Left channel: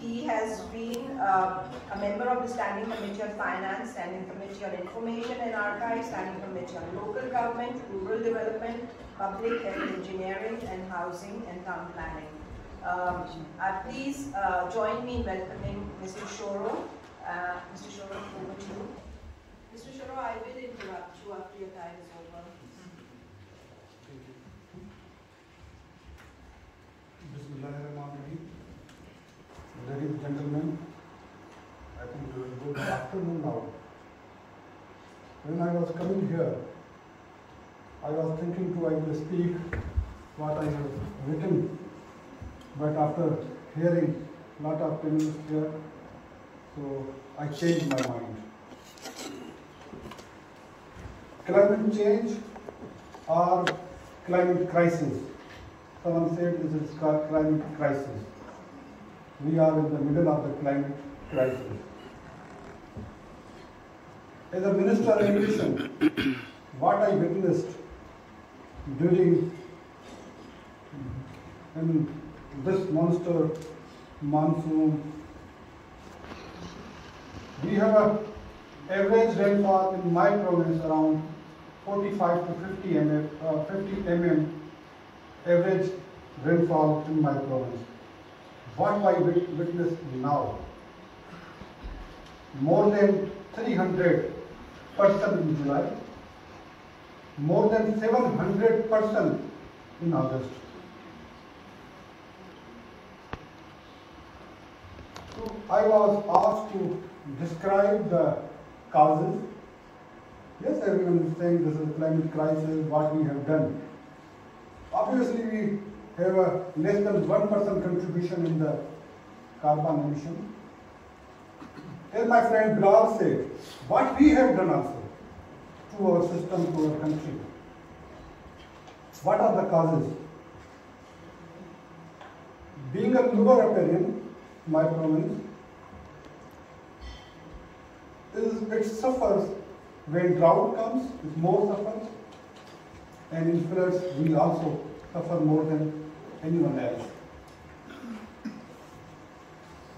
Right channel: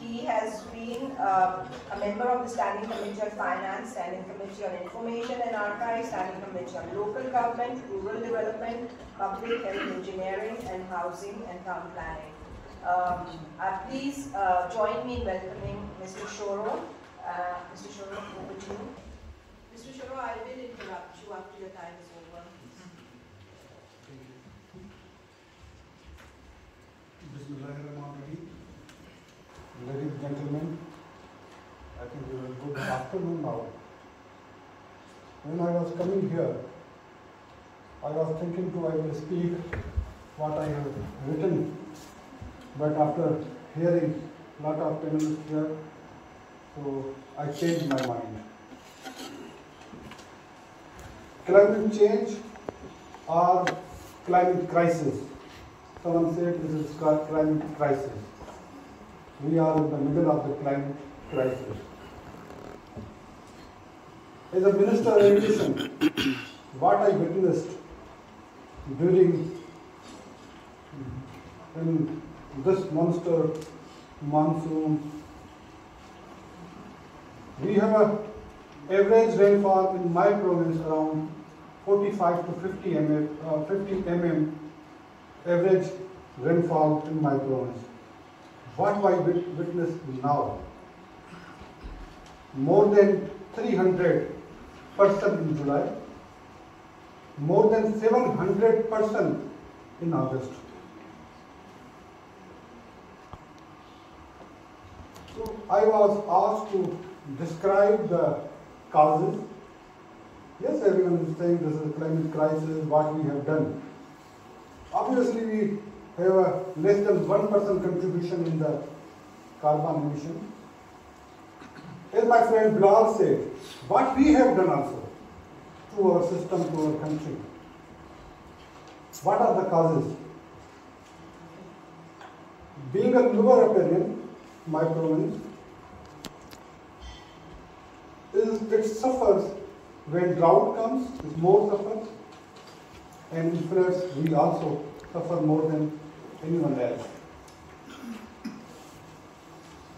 He has been a member of the Standing Committee on Finance, Standing Committee on Information and Archives, Standing Committee on Local Government, Rural Development, Public Health Engineering and Housing and Town Planning. Please join me in welcoming Mr. Shoro. Mr. Shoro, over to you. Mr. Shoro, I will interrupt you after your time is over. Bismillahirrahmanirrahim. Ladies and gentlemen, I think it was good afternoon now. When I was coming here, I was thinking I will speak what I have written, but after hearing a lot of panelists here, so I changed my mind. Climate change or climate crisis. Someone said this is called climate crisis. We are in the middle of the climate crisis. As a Minister of Education, what I witnessed during in this monster monsoon, we have an average rainfall in my province around 45 to 50 mm average rainfall in my province. What I witness now, more than 300% in July, more than 700% in August. So I was asked to describe the causes. Yes, everyone is saying this is a climate crisis, what we have done. Obviously, we have a less than 1% contribution in the carbon emission. As my friend Bilal said, what we have done also to our system, to our country. What are the causes? Being a lower riparian, my province, it suffers when drought comes, it more suffers, and in floods we also suffer more than anyone else.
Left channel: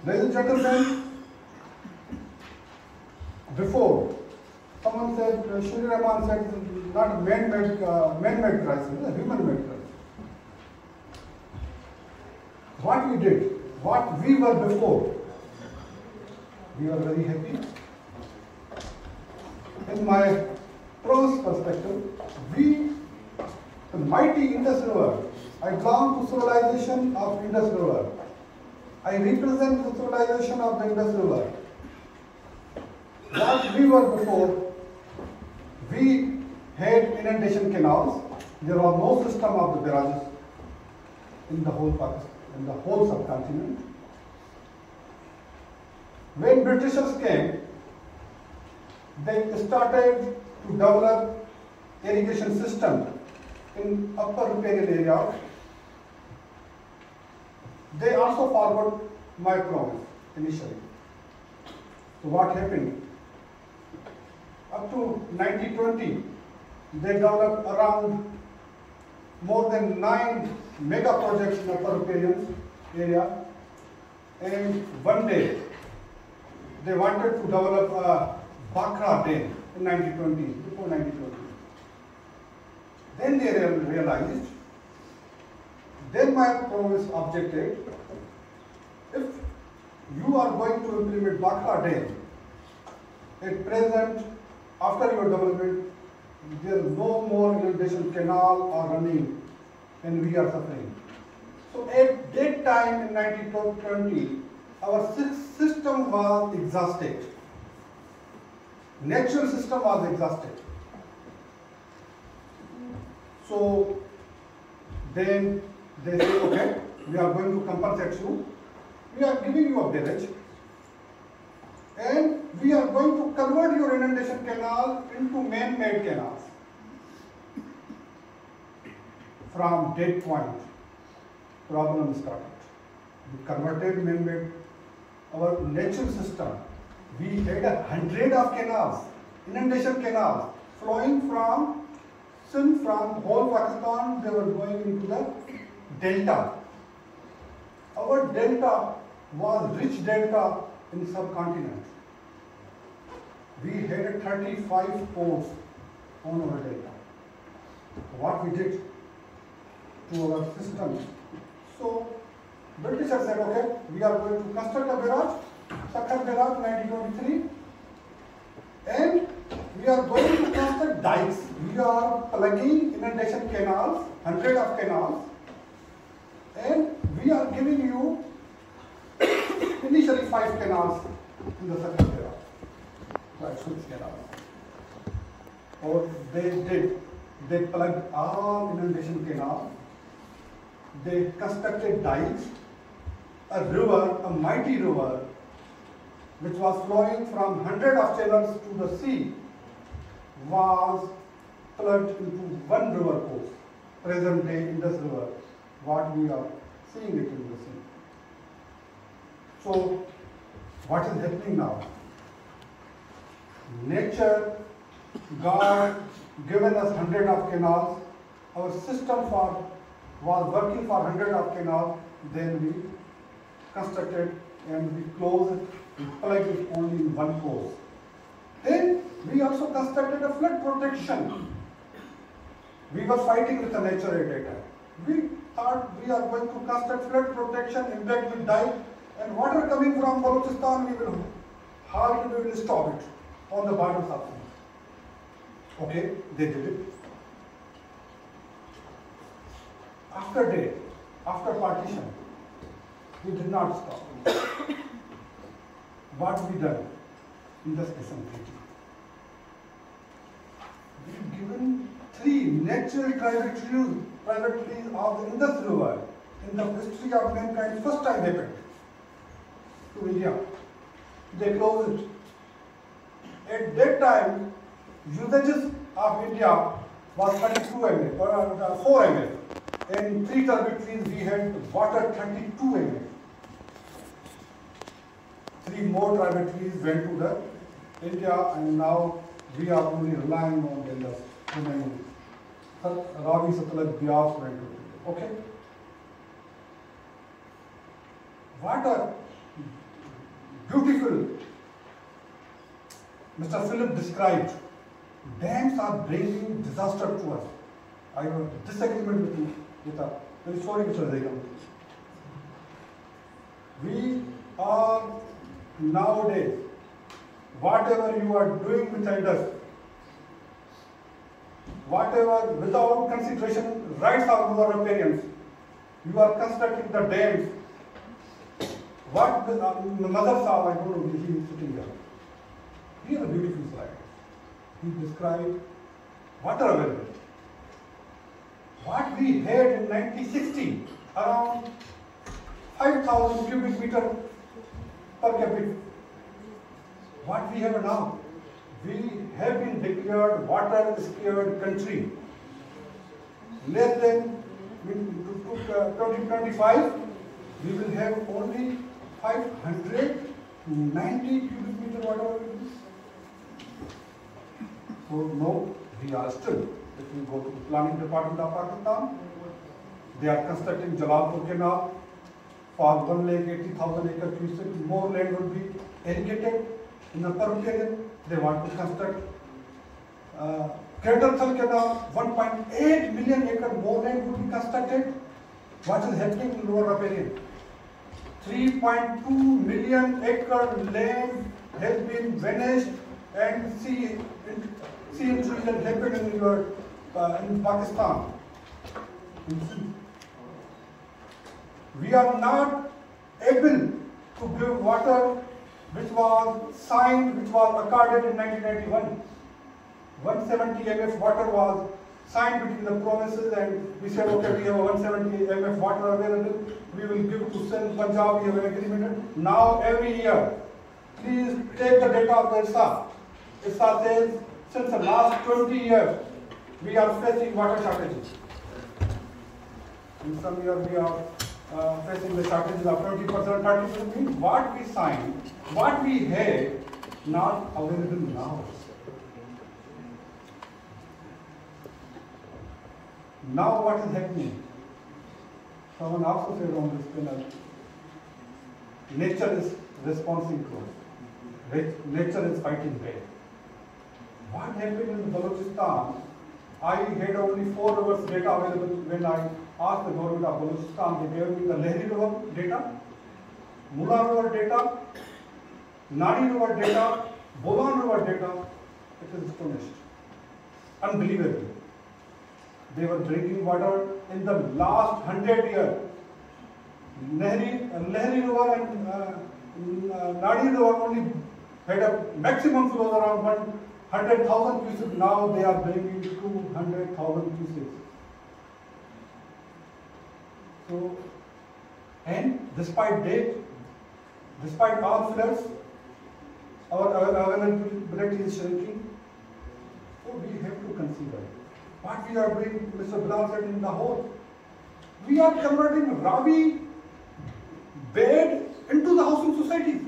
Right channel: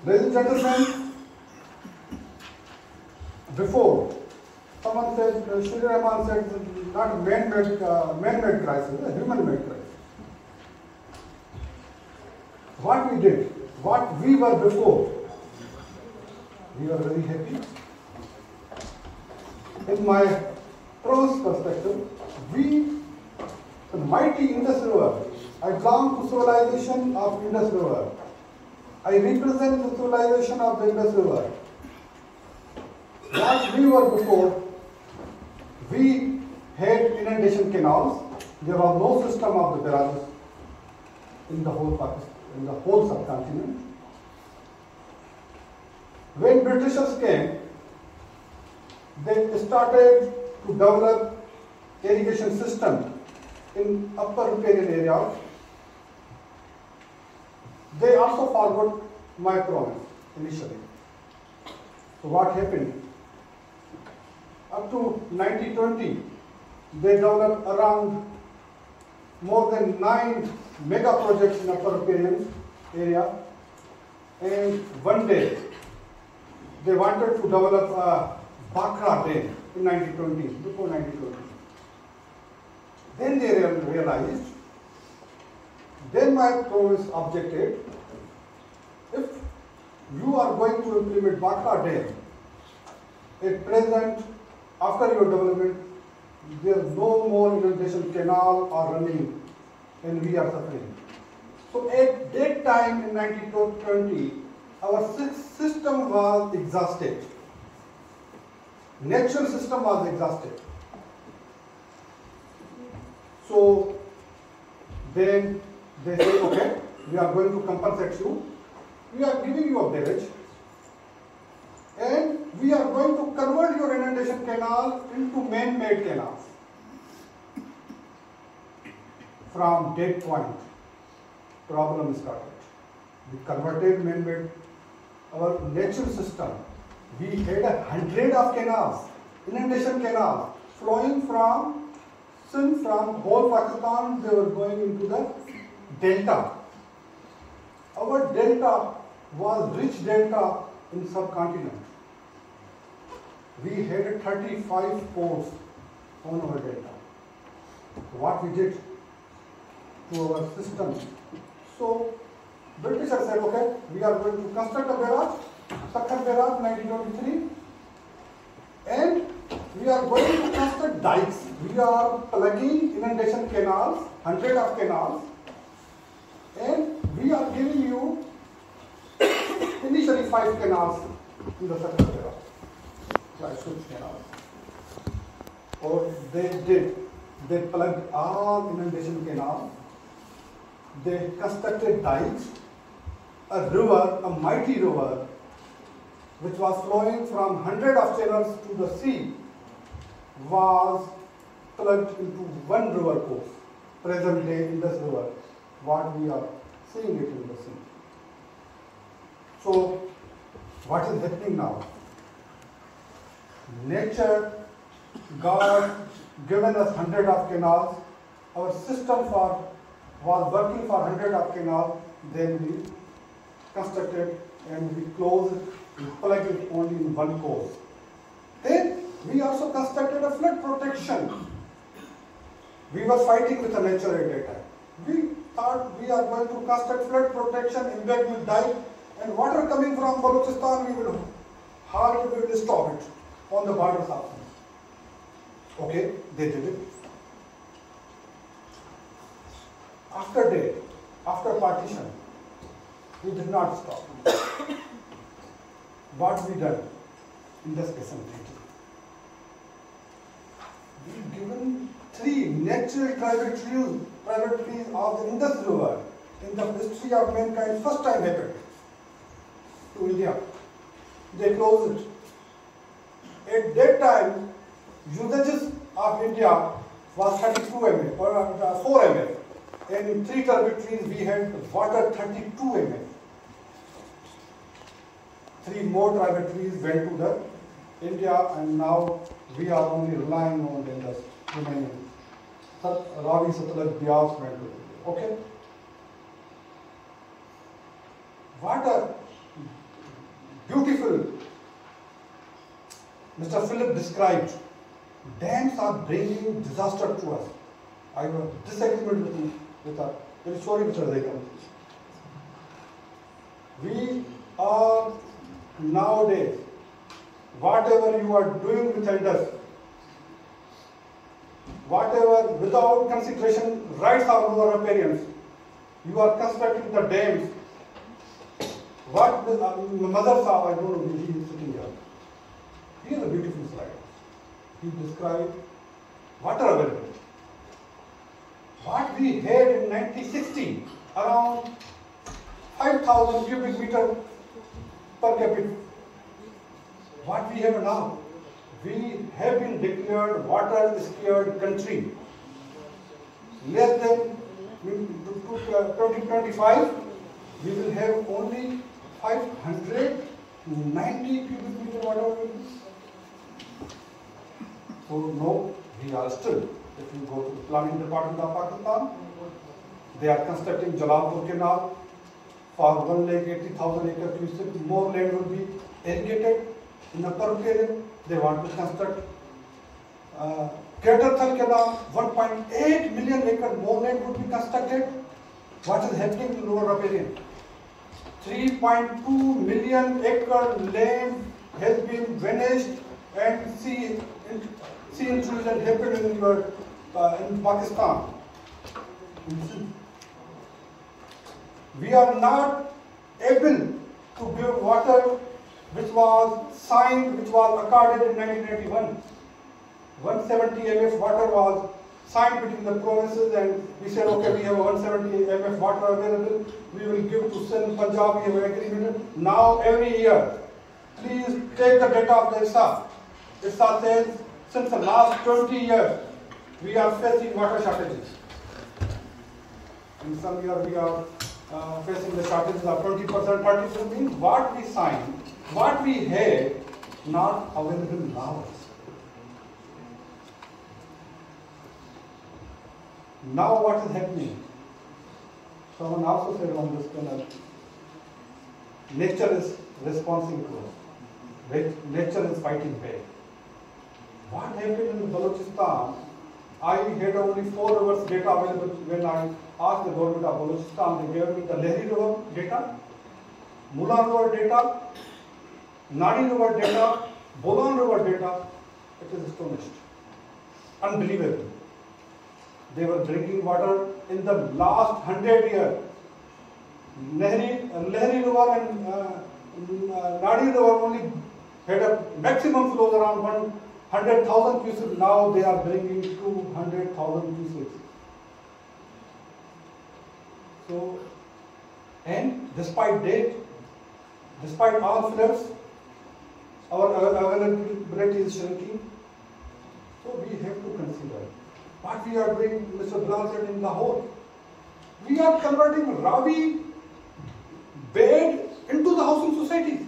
Ladies and gentlemen, before, someone said, Shri Rahman said, it's not a man-made crisis, it's a human-made crisis. What we did, what we were before, we were very happy. In my pros perspective, we, the mighty Indus River, I belong to civilization of Indus River. I represent the civilization of the Indus River. What we were before, we had inundation canals. There was no system of the barrages in the whole Pakistan, in the whole subcontinent. When Britishers came, they started to develop irrigation system in upper riparian area. They also forgot my province initially. So what happened? Up to 1920, they developed around more than 9 mega projects in upper riparian area. And one day, they wanted to develop a Bhakra Dam in 1920s, before 1920. Then they realized, then my province objected, if you are going to implement Bhakra Dam, at present, after your development, there is no more inundation canal or running, and we are suffering. So at that time in 1920, our system was exhausted. Natural system was exhausted. So then they say, okay, we are going to compensate you. We are giving you a village, and we are going to convert your inundation canal into man-made canals. From that point, problem started. We converted man-made, our natural system. We had 100 of canals, inundation canals, flowing from whole Pakistan. They were going into the delta. Our delta was rich delta in subcontinent. We had 35 ports on our delta. What we did to our system. So Britishers said, okay, we are going to construct a barrage, Sakhat Barrage 1923, and we are going to construct dikes. We are plugging inundation canals, 100 of canals, and we are giving you initially 5 canals in the Sakhat Barrage, like 6 canals. Or they plugged all inundation canals, they constructed dikes, a river, a mighty river, which was flowing from 100 of channels to the sea, was plugged into one river course. Present day Indus River, what we are seeing it in the sea. So, what is happening now? Nature, God given us 100 of canals, our system was working for 100 of canals, then we constructed and we closed it, we plugged it only in one course. Then we also constructed a flood protection. We were fighting with the nature at that time. We thought we are going to construct flood protection, embed with dike, and water coming from Balochistan, we will stop it on the borders of things. Okay, they did it. After partition, we did not stop. What we done in the station thinking? We've given 3 natural tributaries of the Indus River in the history of mankind, first time happened to India. They closed it. At that time, usages of India was 32 mA or 4 mA. And in 3 tributaries we had water 32 mA. 3 more tributaries went to the India, and now we are only relying on the Indus remaining. Ravi, Satluj, Beas went to India. Okay? What a beautiful Mr. Philip described. Dams are bringing disaster to us. I have a disagreement with a very sorry Mr. Zainab. We are nowadays, whatever you are doing with Indus, whatever without consideration rights of your riparians, you are constructing the dams. What the mother saw, I don't know, he is sitting here. He is a beautiful slide. He described water availability. What we had in 1960, around 5,000 cubic meter per capita. What we have now? We have been declared water-scared country. Less than 2025, we will have only 590 cubic meter water available. So no, we are still. If you go to the planning department of Pakistan, they are constructing Jalalpur Canal for 1,80,000 acre cubic. More land would be irrigated in the Upper Period. They want to construct Greater Thal Canal, 1.8 million acre more land would be constructed. What is happening in Lower Riparian? 3.2 million acre land has been vanished, and sea intrusion happened in Pakistan. We are not able to give water which was signed, which was accorded in 1991. 170 mf water was signed between the provinces, and we said, okay, we have a 170 mf water available, we will give to Sindh, Punjab, we have an agreement. Now every year, please take the data of the IFSA. IFSA says, since the last 20 years, we are facing water shortages. In some years, we are facing the shortages of 20%, 30%. Means what we signed, what we had, not available now. Now what is happening? Someone also said on this panel, nature is responding to us. Nature is fighting back. What happened in Balochistan? I had only 4 hours data available when I asked the government of Balochistan. They gave me the Lehri River data, Mula River data, Nadi River data, Bolan River data. It is astonished. Unbelievable. They were drinking water in the last 100 years. Lehri River and Nadi River only had a maximum flow around 100,000 cubics. Now they are bringing 200,000 cubics. So, and despite that, despite all floods, our availability is shrinking. So we have to consider what we are doing. Mr. Bilal said in Lahore, we are converting Ravi bed into the housing society.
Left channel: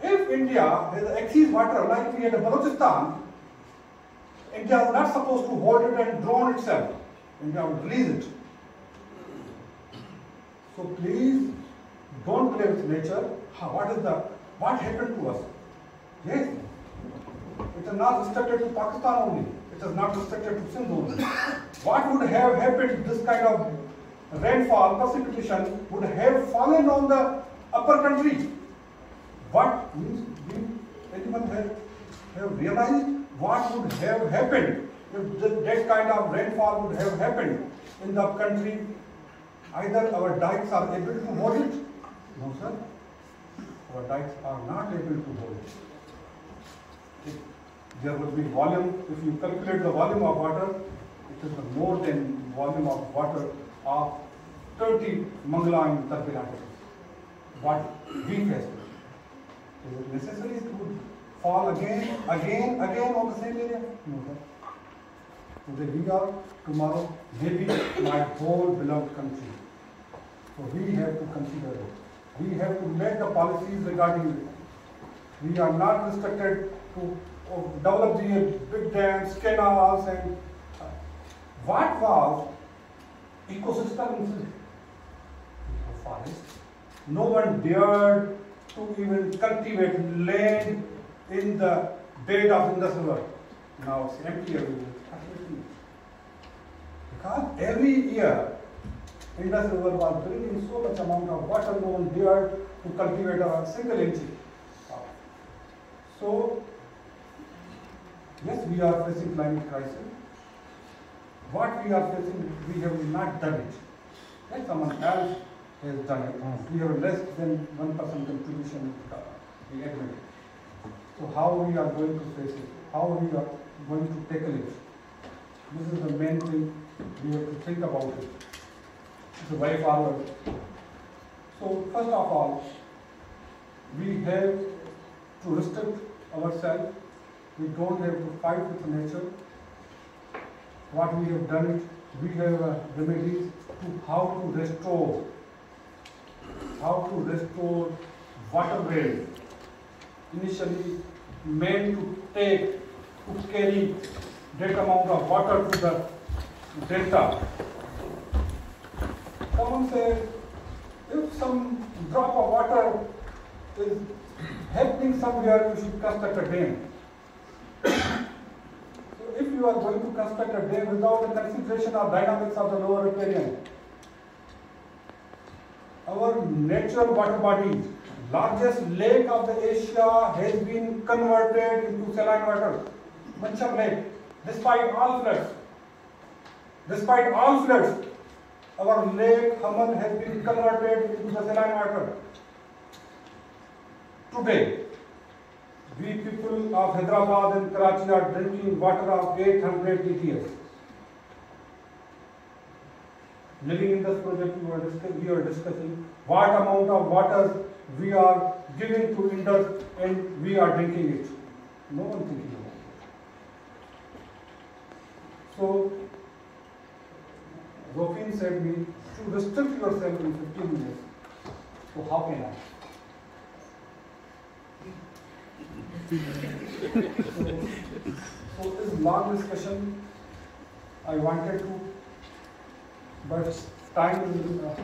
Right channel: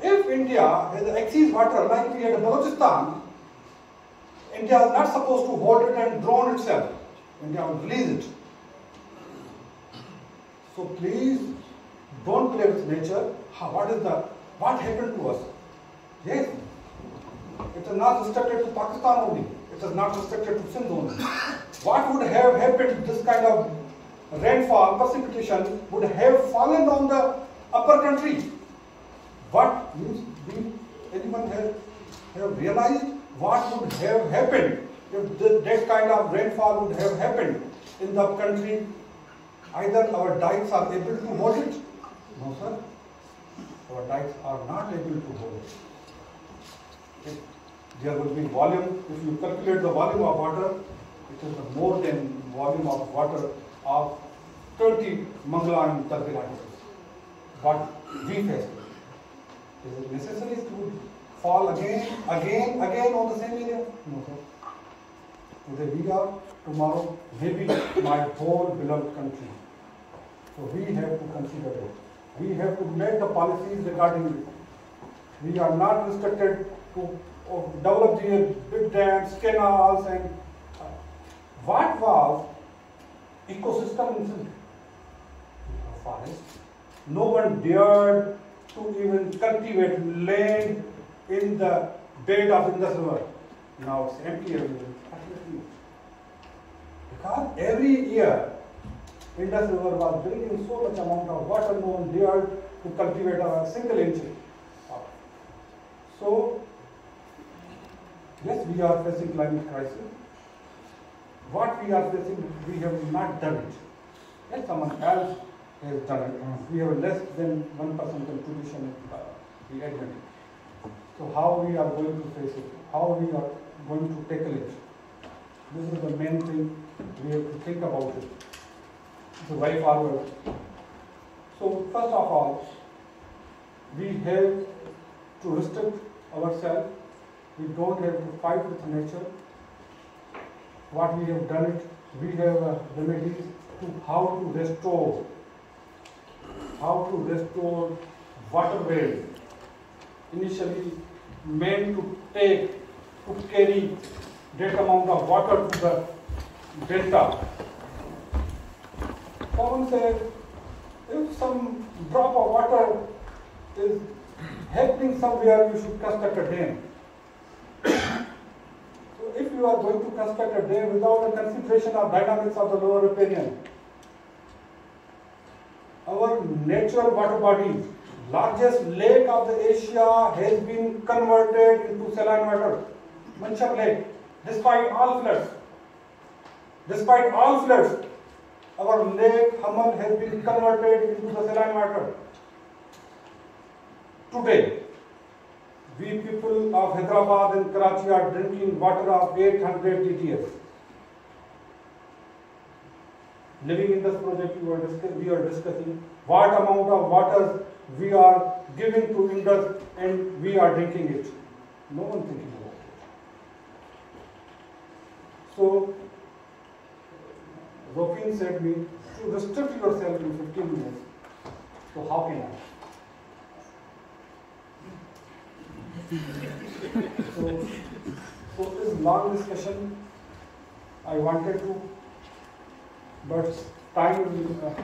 If India has excess water like we had in Balochistan, India is not supposed to hold it and drown itself. India would release it. So please don't play with nature. What happened to us? Yes, it is not restricted to Pakistan only. It is not restricted to Sindh only. What would have happened? This kind of rainfall, precipitation would have fallen on the upper country. What do anyone have realized what would have happened if that kind of rainfall would have happened in the country? Either our dikes are able to hold it. No, sir. Our dikes are not able to hold it. There will be volume. If you calculate the volume of water, it is more than volume of water of 20 Mangala and Tarbila. But we face it. Is it necessary to fall again on the same area? No, sir. Today we are, tomorrow maybe my whole beloved country. So we have to consider it. We have to make the policies regarding it. We are not restricted to develop the big dams, canals, and what was ecosystem in the forest? No one dared to even cultivate land in the bed of Indus River. Now it's empty everywhere. Because every year Indus River was bringing so much amount of water, no one dared to cultivate a single inch. So, yes, we are facing climate crisis. What we are facing, we have not done it. Yes, someone else has done it. We have less than 1% contribution we admit. So how we are going to face it? How we are going to tackle it? This is the main thing we have to think about it. The way forward. So first of all, we have to restrict ourselves. We don't have to fight with nature. What we have done it, we have remedies to how to restore waterways. Initially meant to carry that amount of water to the delta. Someone said, if some drop of water is happening somewhere, you should construct a dam. So if you are going to construct a dam without a consideration of dynamics of the lower riparian, our natural water body, largest lake of the Asia, has been converted into saline water. Manchar Lake, despite all floods. Our lake Haman has been converted into the saline water. Today, we people of Hyderabad and Karachi are drinking water of 800 TDS. Living in this project, we are discussing what amount of water we are giving to Indus and we are drinking it. No one thinking about it. So, Zofin said me to restrict yourself in 15 minutes. So how can I? So this long discussion, I wanted to, but time,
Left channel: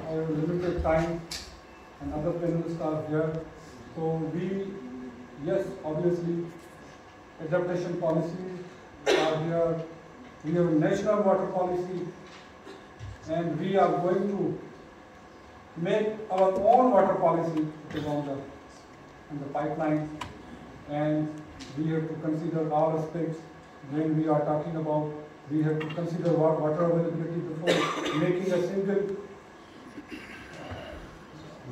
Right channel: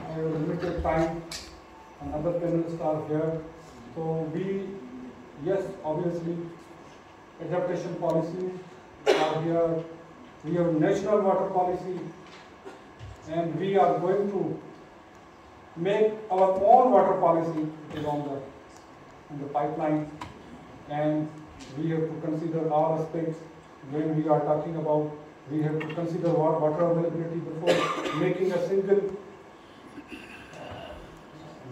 I have limited time, and other panelists are here. So yes, obviously, adaptation policies are here. We have a national water policy, and we are going to make our own water policy. It is in the pipeline, and we have to consider all aspects when we are talking about. We have to consider water availability before making a single.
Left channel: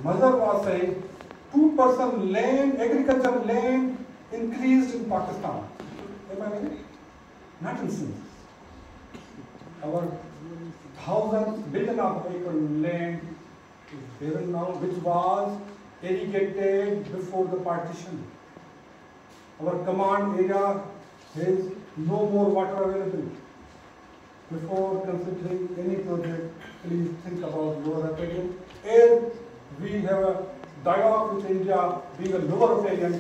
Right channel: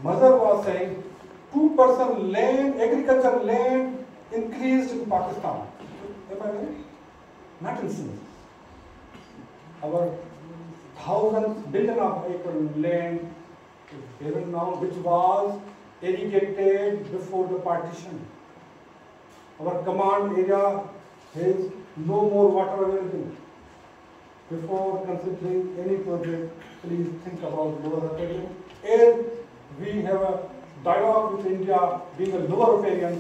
Mother was saying 2% land, agricultural land increased in Pakistan. Am I right? Not in Sindh. Our thousands, billion of acre land is given now, which was irrigated before the partition. Our command area has no more water available. Before considering any project, please think about lower riparian. And we have a dialogue with India being a lower riparian,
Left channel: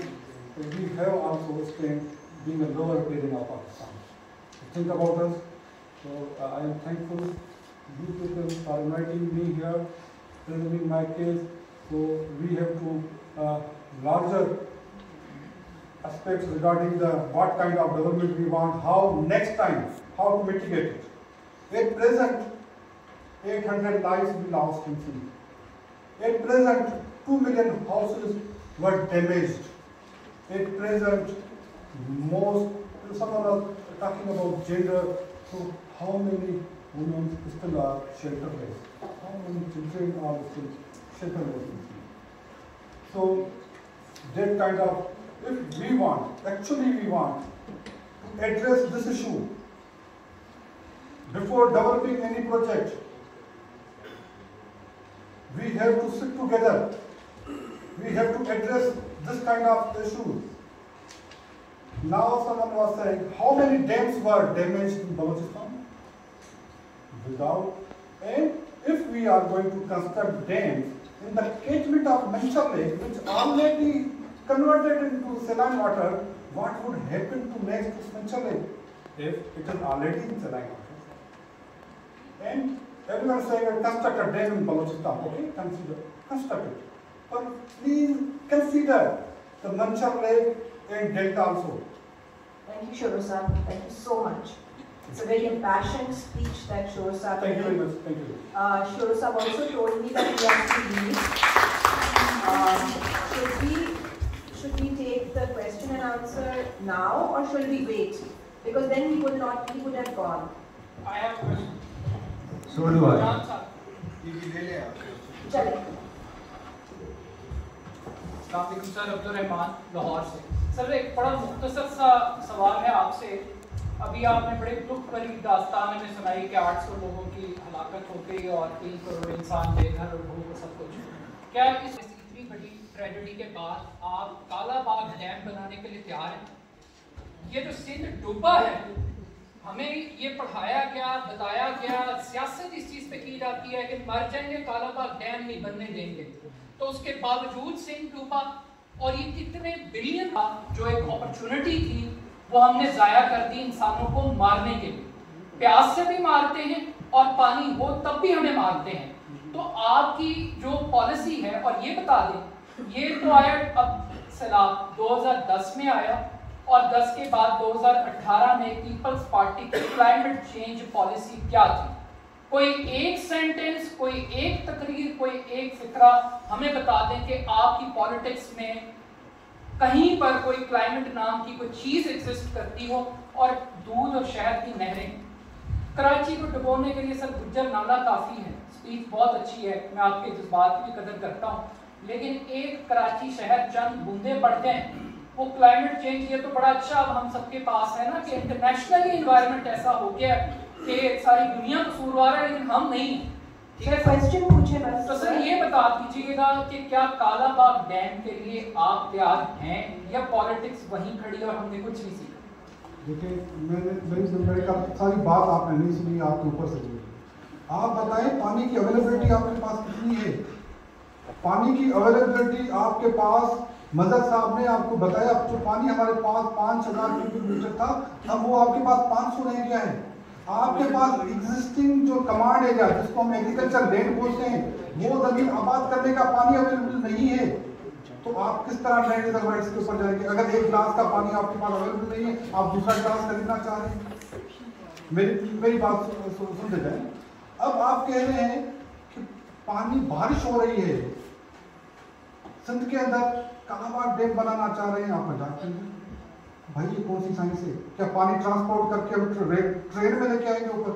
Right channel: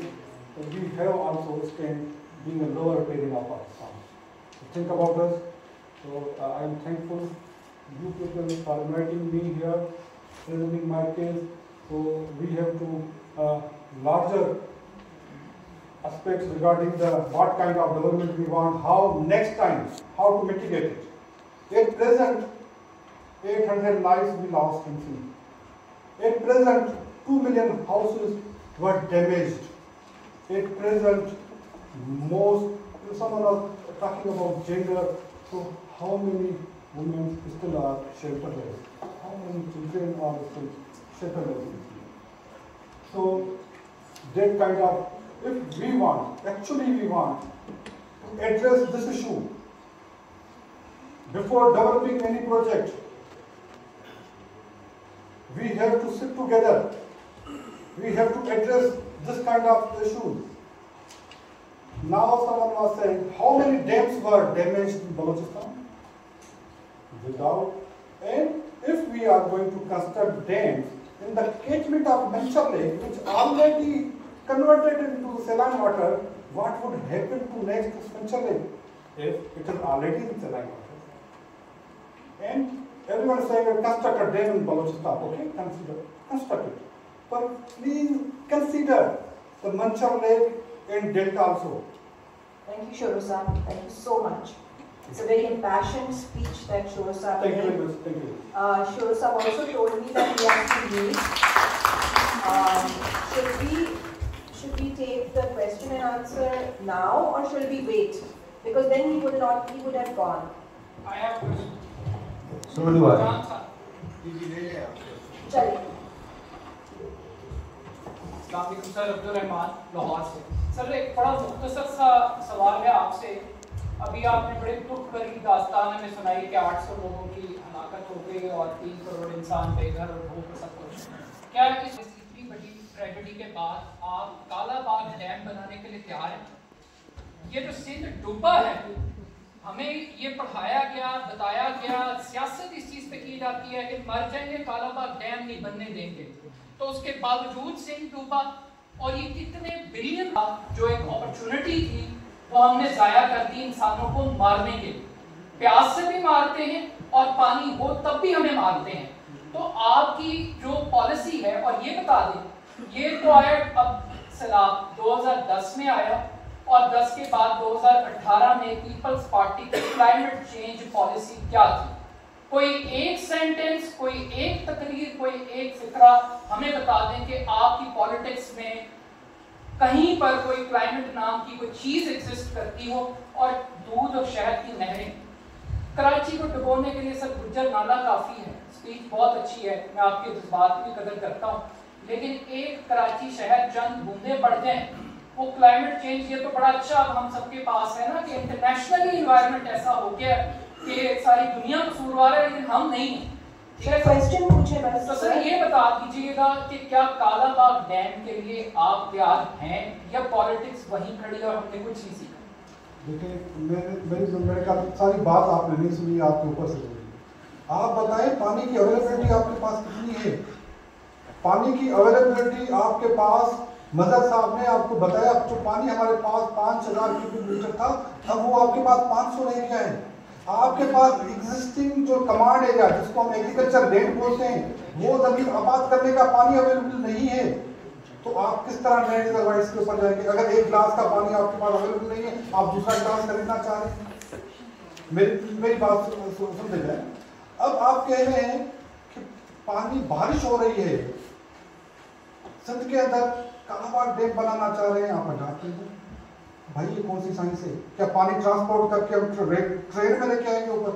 and we have also Spain being a lower riparian of Pakistan. Think about us. So I am thankful you people for inviting me here, presenting my case. So we have to larger aspects regarding what kind of development we want, how next time, how to mitigate it. At present, 800 lives we lost in sea. At present, 2 million houses were damaged. At present, someone was talking about gender, so how many women still are shelterless? How many children are still shelterless in sea? So, that kind of, if we want, actually we want to address this issue before developing any project, we have to sit together. We have to address this kind of issue. Now someone was saying, how many dams were damaged in Balochistan? Without. And if we are going to construct dams in the catchment of Manchar Lake, which already converted into saline water, what would happen to next is Manchar Lake if it is already in saline water? And everyone is saying, construct a dam in Balochistan. Okay, construct it. But please consider the Manchar Lake and Delta also. Thank you, Shoro Saab. Thank you so much. It's a very impassioned speech that Shoro Saab Thank you made. very much. Thank you. Shoro Saab also told me that he wants to leave. Should we take the question and answer now, or shall we wait? Because then he would have gone. I have a question. So do I. Chale. Sir Abdul Rahman Lahore से। Sir एक बड़ा मुख्तसर सा सवाल है आपसे। अभी आपने बड़े दुख भरी दास्तान में सुनाई कि 800 लोगों की हलाकत हो गई और 3 करोड़ इंसान बेघर और भूख सब कुछ। क्या इस इतनी बड़ी ट्रेजेडी के बाद आप कालाबाग डैम बनाने के लिए तैयार हैं? ये जो सिंध डूबा है, हमें ये पढ़ाया गया, बताया गया, सियासत इस चीज पे की जाती है कि मर जाएंगे, कालाबाग डैम नहीं बनने देंगे। तो उसके बावजूद सिंध डूबा और ये कितने बिलियन जो एक अपॉर्चुनिटी थी वो हमने जाया कर दी इंसानों को मारने के लिए। प्यास से भी मारते हैं और पानी हो तब भी हमें मारते हैं। तो आपकी जो पॉलिसी है, और ये बता दें, ये तो आया अब सैलाब 2010 में आया और 10 के बाद 2018 में पीपल्स पार्टी की क्लाइमेट चेंज पॉलिसी क्या थी? कोई एक सेंटेंस, कोई एक तकरीर, कोई एक फिक्रा हमें बता दें कि आपकी पॉलिटिक्स में कहीं पर कोई क्लाइमेट नाम की कोई चीज एग्जिस्ट करती हो। और दूध और शहद की नहरें कराची को डुबोने के लिए सर गुज्जर नाला काफी है। स्पीच बहुत अच्छी है, मैं आपके जज्बात की भी कदर करता हूँ, लेकिन एक कराची शहर चंद बूंदे पड़ जाए वो क्लाइमेट चेंज, ये तो बड़ा अच्छा अब हम सबके पास है ना कि इंटरनेशनली एनवायरनमेंट ऐसा हो गया कि सारी दुनिया कसूरवार है लेकिन हम नहीं। क्वेश्चन पूछे बस। तो सर ये बता दीजिएगा कि क्या कालाबाग डैम के लिए आप तैयार हैं या पॉलिटिक्स वहीं खड़ी और हमने कुछ नहीं सीखा? देखिए, मेरे ख्याल सारी बात आपने नहीं सुनी, आपके ऊपर से बोली। आप बताएं पानी की अवेलेबिलिटी आपके पास कितनी है? पानी की अवेलेबिलिटी आपके पास, मदर साहब ने आपको बताया, जो पानी हमारे पास 5000 क्यूबिक मीटर था, अब वो आपके पास 500 रह गया है। आपके पास एग्जिस्टिंग जो कमांड एरिया जिसको हम एग्रीकल्चर लैंड बोलते हैं, वो जमीन आबाद करने का पानी अवेलेबल नहीं है, तो आप किस तरह लैंड रिजर्वायर्स के ऊपर जाएंगे? अगर एक गिलास का पानी आपके पास अवेलेबल नहीं है, आप दूसरा गिलास खरीदना चाह रहे हैं, मेरी बात सुन ले जाए। अब आप कह रहे हैं कि पानी, बारिश हो रही है सिंध के अंदर, कालाबाग डैम बनाना चाह रहे हैं, आप पंजाब के अंदर, भाई ये कौन सी साइंस है? क्या पानी ट्रांसपोर्ट करके हम ट्रेन में लेके आएंगे ऊपर?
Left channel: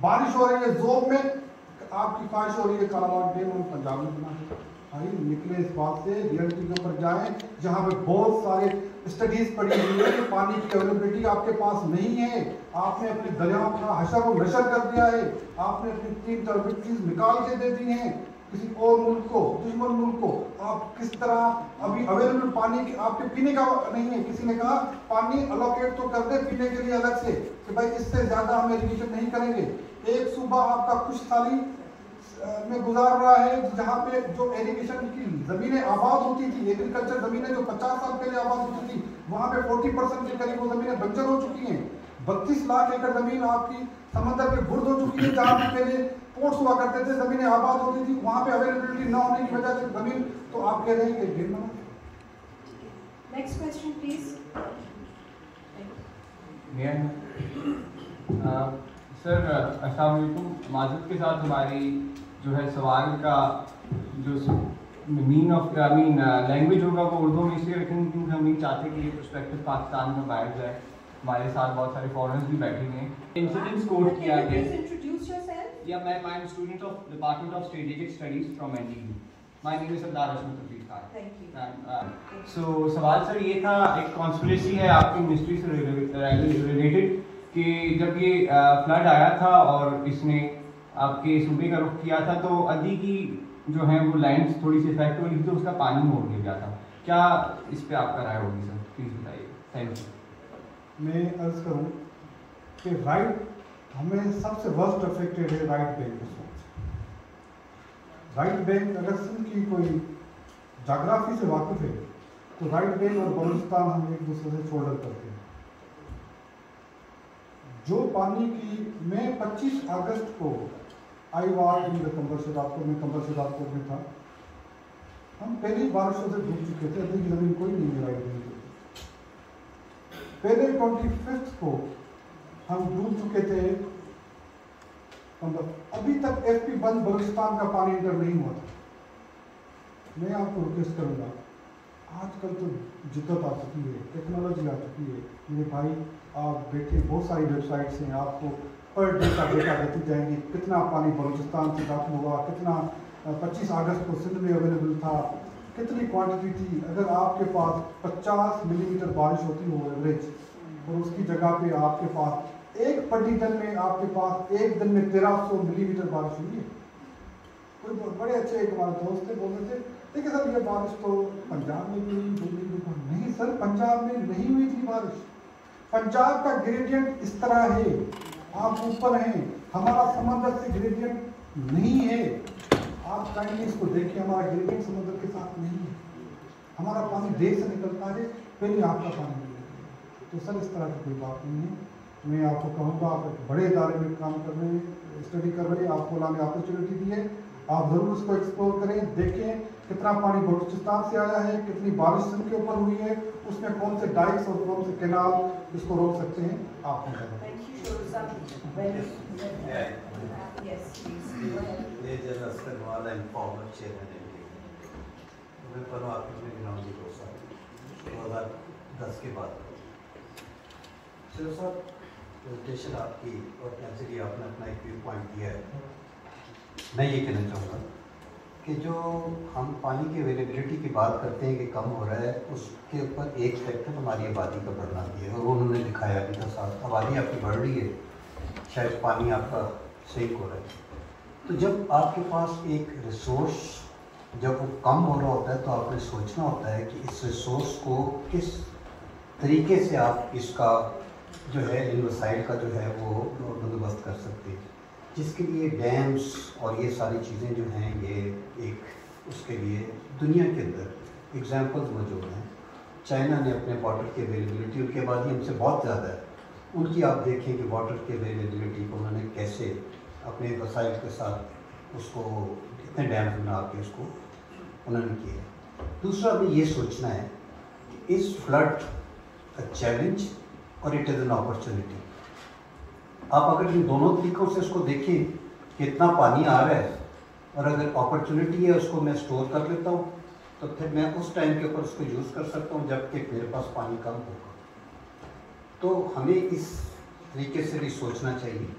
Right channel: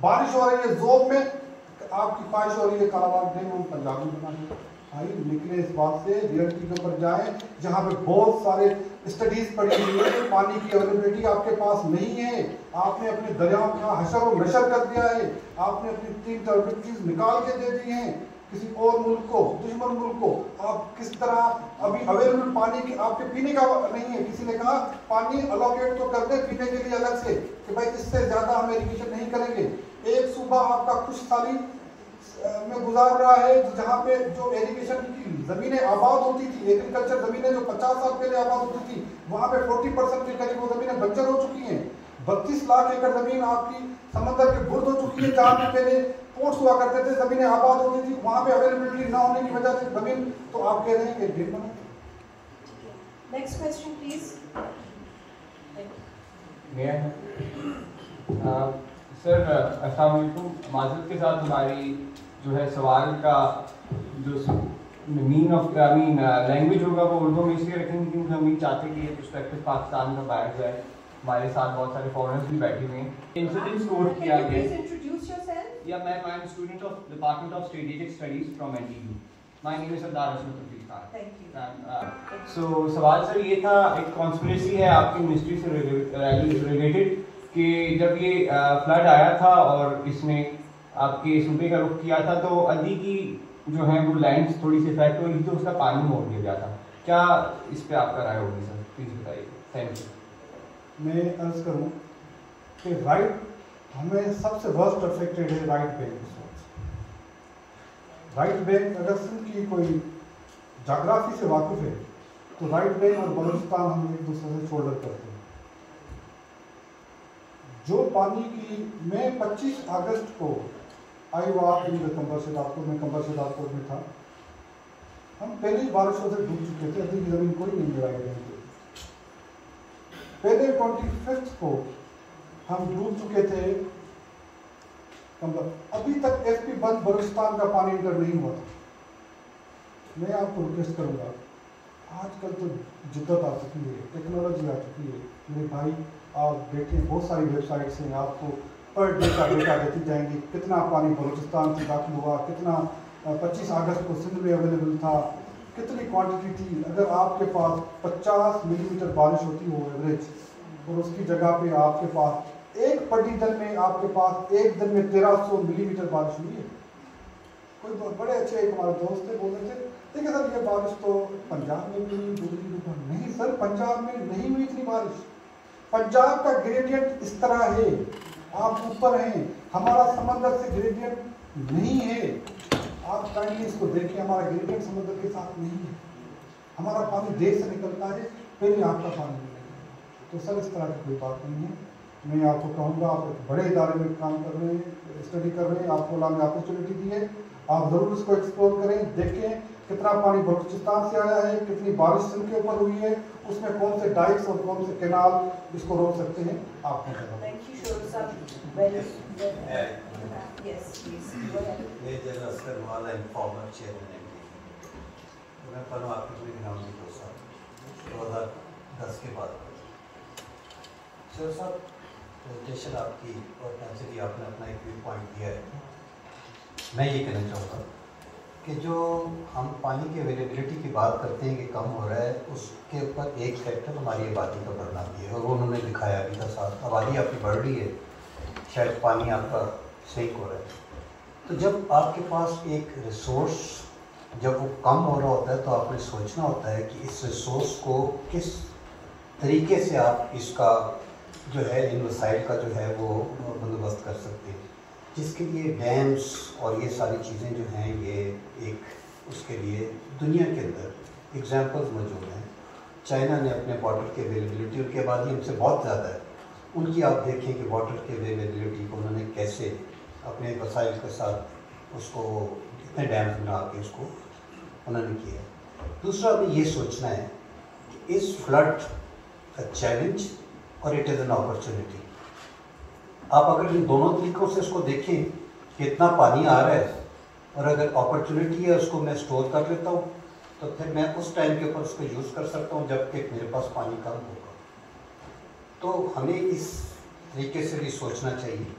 बारिश हो रही है, जोब में आपकी ख्वाहिश हो रही है कालाबाग डैम हम पंजाब में बनाएंगे। भाई निकले इस बात से, रियलिटी के ऊपर जाएं जहाँ पे बहुत सारे स्टडीज पड़ी हुई है, पानी की अवेलेबिलिटी आपके पास नहीं है, आपने अपने दरिया का हशर और नशर कर दिया है, आपने अपनी 3 टर्बिटरीज निकाल के दे दी हैं किसी और मुल्क को, दुश्मन मुल्क को। आप किस तरह अभी अवेलेबल पानी के आपके पीने का नहीं है, किसी ने कहा पानी अलोकेट तो कर दे पीने के लिए अलग से कि भाई इससे ज्यादा हम इरिगेशन नहीं करेंगे। एक सूबा आपका कुछ साली में गुजार रहा है जहाँ पे जो इरिगेशन की जमीनें आबाद होती थी, एग्रीकल्चर जमीनें जो 50 साल के लिए आबाद होती थी, वहाँ पे 40% के करीब वो जमीनें बंजर हो चुकी हैं। 32 लाख एकड़ जमीन आपकी समंदर के बुर्द हो चुकी है, जहाँ पे पहले पोर्ट्स हुआ करते थे, जमीनें आबाद होती थी, वहाँ पे अवेलेबिलिटी न होने की वजह से जमीन, तो आप कह रहे हैं कि डैम बना। Next question please. सर अस्सलाम वालेकुम। माज़रत के साथ हमारी जो है सवाल का जो मीन ऑफ लैंग्वेज होगा वो उर्दू में इसलिए रखेंगे क्योंकि हम ये चाहते कि ये पर्सपेक्टिव पाकिस्तान में बाहर जाए। हमारे साथ बहुत सारे फॉरेनर्स भी बैठे हुए हैं। इंसिडेंट्स नोट किया गया। Introduce yourself. या मैं I am student of department of strategic studies from NTU. My name is Sardar Ashok Tafrik Khan. Thank you. So सवाल सर ये था, एक कॉन्स्पिरेसी है आपकी मिनिस्ट्री से रिलेटेड कि जब ये फ्लड आया था और इसने आपके सूबे का रुख किया था तो अदी की जो है वो लैंड थोड़ी सी इफेक्ट हो रही थी, उसका पानी मोड़ दिया गया था। क्या इस पे आपका राय होगी सर? प्लीज बताइए। Thank you. मैं अर्ज करूं कि राइट हमें सबसे वर्स्ट अफेक्टेड है राइट बैंक इस वक्त। राइट बैंक अगर सिंध की कोई जाग्राफी से वाकिफ है तो राइट बैंक और बलूचिस्तान हम एक दूसरे से शोल्डर करते हैं। जो पानी की, मैं 25 अगस्त को आई वार इन द कंबर शिदारपुर में, कंबर शिदारपुर भी था, हम पहली बारिशों से डूब चुके थे, अभी की जमीन कोई नहीं है राइट बैंक की। पहले 25 को हम डूब चुके थे कंबर। अभी तक एफपी बंद बलूचिस्तान का पानी इंटर नहीं हुआ। मैं आपको रिक्वेस्ट करूंगा, आजकल तो जिद्दत आ चुकी है, टेक्नोलॉजी आ चुकी है मेरे भाई, आप देखें बहुत सारी वेबसाइट्स हैं, आपको पर डे का डेटा देती जाएंगी, कितना पानी बलूचिस्तान से दाखिल हुआ, कितना 25 अगस्त को सिंध में अवेलेबल था, कितनी क्वांटिटी थी। अगर आपके पास 50 मिलीमीटर बारिश होती हो एवरेज, और उसकी जगह पे आपके पास एक प्रतिदिन में आपके पास एक दिन में 1300 मिलीमीटर बारिश हुई है। कोई बड़े अच्छे एक हमारे दोस्त थे, बोल रहे थे देखिए सर ये बारिश तो पंजाब में भी नहीं सर, पंजाब में नहीं हुई इतनी बारिश। पंजाब का ग्रेडियंट इस तरह है, आप ऊपर हैं, हमारा समंदर से ग्रेडियंट नहीं है। आप काइंडली इसको देखिए, हमारा ग्रेडियंट समंदर के साथ नहीं है, हमारा पानी देश से निकलता है, फिर आपका पानी मिलेगा। तो सर इस तरह की कोई बात नहीं है। मैं आपको कहूँगा, आप एक बड़े इदारे में काम कर रहे हैं, स्टडी कर रहे हैं, आपको अल्लाह ने अपॉर्चुनिटी दी है, आप ज़रूर इसको एक्सप्लोर करें, देखें कितना पानी बलूचिस्तान से आया है, कितनी बारिश सिंध के ऊपर हुई है, उसमें कौन से डाइक्स और कौन से कैनाल इसको रोक सकते हैं, आपको पता है। ये जगह सर वाला फॉर्मर चेयरमैन तो मैं परमात्मा में ग्राउंड 2010 के बाद सर साहब प्रेजेंटेशन आपकी और नेचुरली आपने अपना एक व्यू पॉइंट दिया है। मैं ये कहना चाहूँगा कि जो हम पानी की अवेलेबिलिटी की बात करते हैं कि कम हो रहा है, उसके ऊपर एक फैक्टर हमारी आबादी का बढ़ना भी है, और वो उन्होंने दिखाया भी था साथ। आबादी आपकी बढ़ रही है, शायद पानी आपका सेक हो रहा है। तो जब आपके पास एक रिसोर्स जब वो कम हो रहा होता है तो आपने सोचना होता है कि इस रिसोर्स को किस तरीके से आप इसका जो है इन वसाइल का जो है वो बंदोबस्त कर सकते हैं, जिसके लिए डैम्स और ये सारी चीज़ें जो हैं ये एक उसके लिए दुनिया के अंदर एग्जांपल्स मौजूद हैं। चाइना ने अपने वाटर की अवेलेबिलिटी, उनकी आबादी हमसे बहुत ज़्यादा है, उनकी आप देखें कि वाटर की अवेलेबिलिटी को उन्होंने कैसे अपने वसाइल के साथ उसको इतने डैम बना के उसको उन्होंने किया। दूसरा हमें ये सोचना है कि इस फ्लड अ चैलेंज और इट इज़ एन अपॉर्चुनिटी। आप अगर इन दोनों तरीकों से इसको देखें कि इतना पानी आ रहा है और अगर अपॉर्चुनिटी है उसको मैं स्टोर कर लेता हूँ तो फिर मैं उस टाइम के ऊपर उसको यूज़ कर सकता हूँ जबकि मेरे पास पानी कम होगा। तो हमें इस तरीके से भी सोचना चाहिए।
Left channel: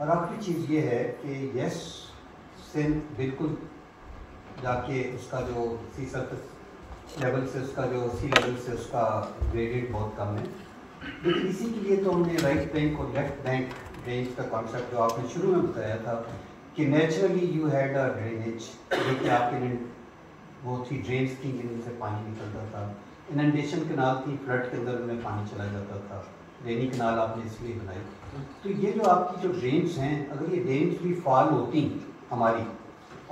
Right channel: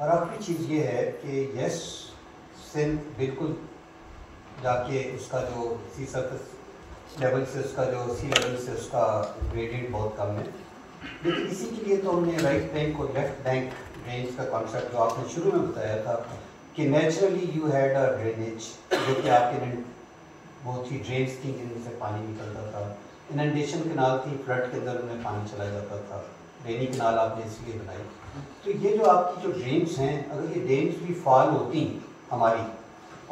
और आखिरी चीज़ ये है कि यस सिंध बिल्कुल जाके उसका जो सी सरफेस लेवल से उसका जो सी लेवल से उसका ग्रेडियंट बहुत कम है, लेकिन इसी के लिए तो हमने राइट बैंक और लेफ्ट बैंक ड्रेन्स का कॉन्सेप्ट जो आपने शुरू में बताया था कि naturally you had a drainage, जो कि आपके बहुत ही ड्रेन्स थी जिनसे पानी निकलता था, इनंडेशन कैनाल थी, फ्लड के अंदर उनमें पानी चला जाता था, रेनी कैनाल आपने इसलिए बनाई। तो ये जो आपकी जो ड्रेन्स हैं, अगर ये ड्रेन्स भी फॉल होती हमारी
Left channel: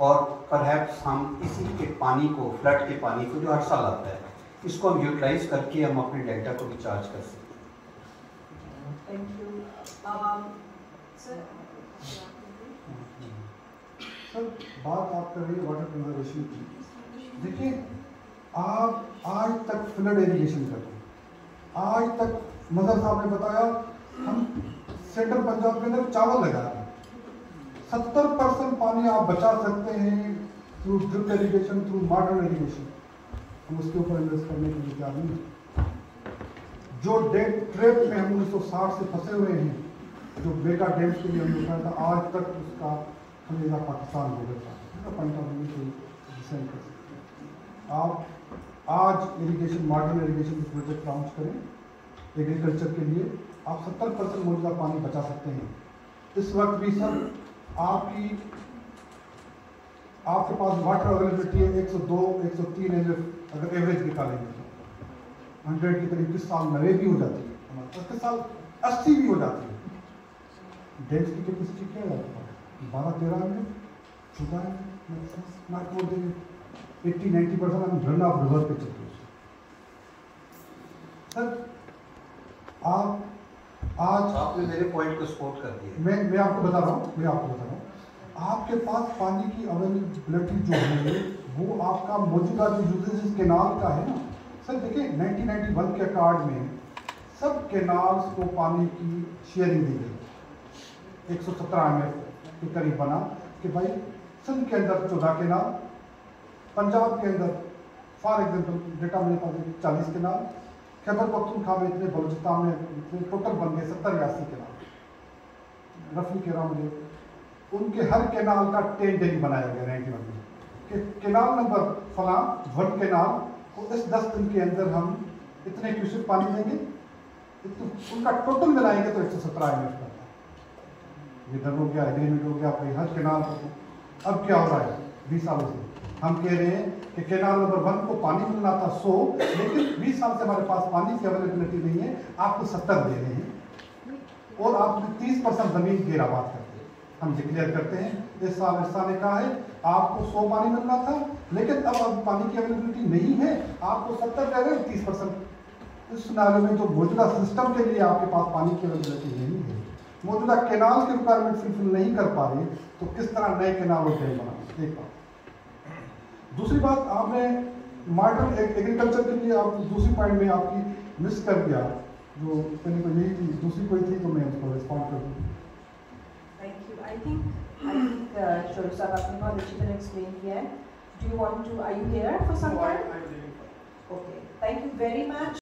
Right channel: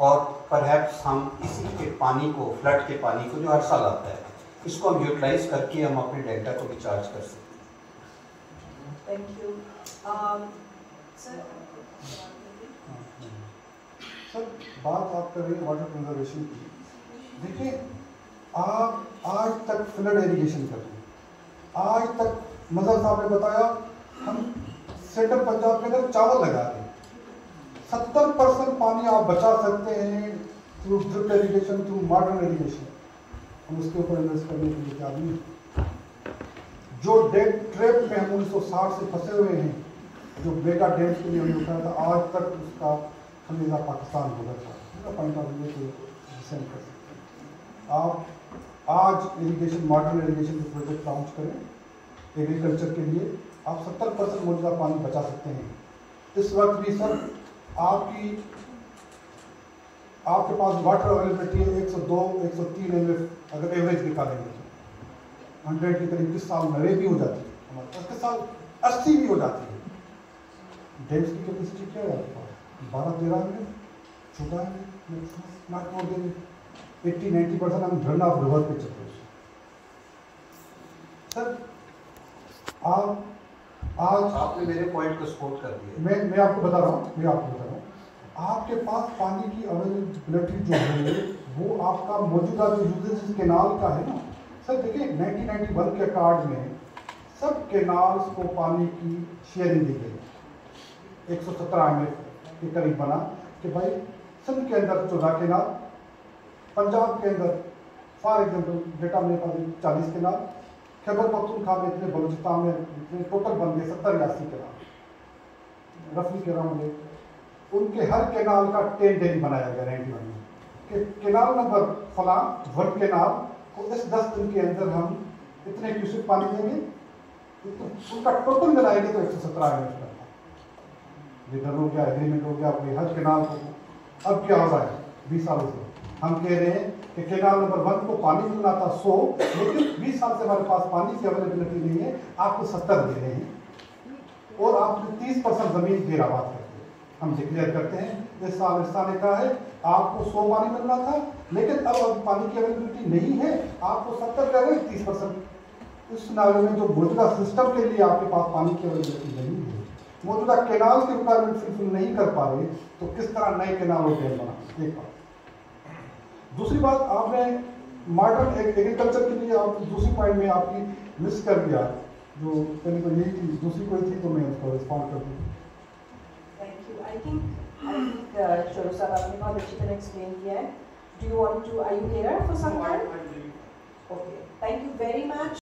और परहैप्स हम इसी के पानी को, फ्लड के पानी को जो हर साल आता है, इसको हम यूटिलाइज करके हम अपने डेल्टा को भी चार्ज कर सकते हैं। Thank you sir. सर बात आप कर रही हैं वाटर कंजर्वेशन की। देखिए आज तक फ्लड इरिगेशन करते हैं, आज तक मजहर साहब ने बताया हम सेंट्रल पंजाब के अंदर चावल लगा रहे हैं। 70% पानी आप बचा सकते हैं through drip irrigation, through modern irrigation. हम उसके ऊपर इन्वेस्ट करने के लिए तैयार नहीं। जो डेट ट्रैप में हम 1960 से फंसे हुए हैं, जो मेगा डैम्स के लिए हमने बताया था, आज तक उसका खमीजा पाकिस्तान हो गया था। पंजाब में कोई डिसेंड कर सकते हैं। आप आज इरिगेशन, मॉडर्न इरिगेशन के प्रोजेक्ट लॉन्च करें एग्रीकल्चर के लिए, आप 70% मौजूदा पानी बचा सकते हैं। इस वक्त भी सर आपके पास वाटर अवेलेबिलिटी है 102, 103 एमएफ अगर एवरेज निकालेंगे तो 100 के करीब किस साल 90 भी हो जाती है, हमारे पास किस साल 80 भी हो जाती है। डैम्स की कैपेसिटी क्या है आपके पास? 12-13 में 14 में नॉट मोर देन 80-90% हम रन ऑफ रिवर पे चल रहे हैं। सर आज आपने मेरे पॉइंट को सपोर्ट कर दिया। मैं आपको बता रहा हूँ, आपके पास पानी की अवेलेबिलिटी जो है वो आपका मौजूदा जो यूजेज केनाल का है ना सर। देखिए 1991 के अकॉर्ड में सब केनाल्स को पानी की शेयरिंग दी गई। 117 एमएफ के करीब बना कि भाई सिंध के अंदर 14 केनाल, पंजाब के अंदर फॉर एग्जाम्पल डेटा मेरे पास 40 केनाल, खैबर पख्तूनख्वा में इतने, बलूचिस्तान में इतने, टोटल बन गए 70-80 केनाल रफली कह रहा हूँ। उनके हर केनाल का 10 डेली बनाया गया 91 में कि केनाल नंबर फला 1 केनाल को इस 10 दिन के अंदर हम इतने क्यूसेक पानी देंगे, उनका टोटल मिलाएंगे तो 117 एमएफ बनता है। ये डन हो गया, एग्रीमेंट हो गया भाई हर केनाल को। अब क्या हो रहा है 20 सालों से हम कह रहे हैं कि केनाल नंबर 1 को पानी मिलना था 100, लेकिन 20 साल से हमारे पास पानी की अवेलेबिलिटी नहीं है, आपको 70 दे रहे हैं और आपने 30% जमीन घेराबाद करते हैं। हम डिक्लेयर करते हैं इस साल ने कहा है आपको 100 पानी मिलना था, लेकिन अब पानी की अवेलेबिलिटी नहीं है, आपको 70 दे रहे हैं, 30%। इस सिनारियो में जो मौजूदा सिस्टम के लिए आपके पास पानी की अवेलेबिलिटी नहीं है, मौजूदा केनाल की रिक्वायरमेंट फुलफिल नहीं कर पा रहे, तो किस तरह नए केनाल और डैम बना। एक बात। दूसरी बात, आपने मॉडर्न एग्रीकल्चर के लिए आप दूसरी पॉइंट में आपकी मिस कर दिया, जो पहले तो यही थी, दूसरी कोई थी तो मैं उसको रिस्पॉन्ड कर दूँ। Thank you. आई थिंक चोर साहब आपने बहुत अच्छी तरह एक्सप्लेन किया है। Do you want to, are you here for some time? Okay, thank you very much.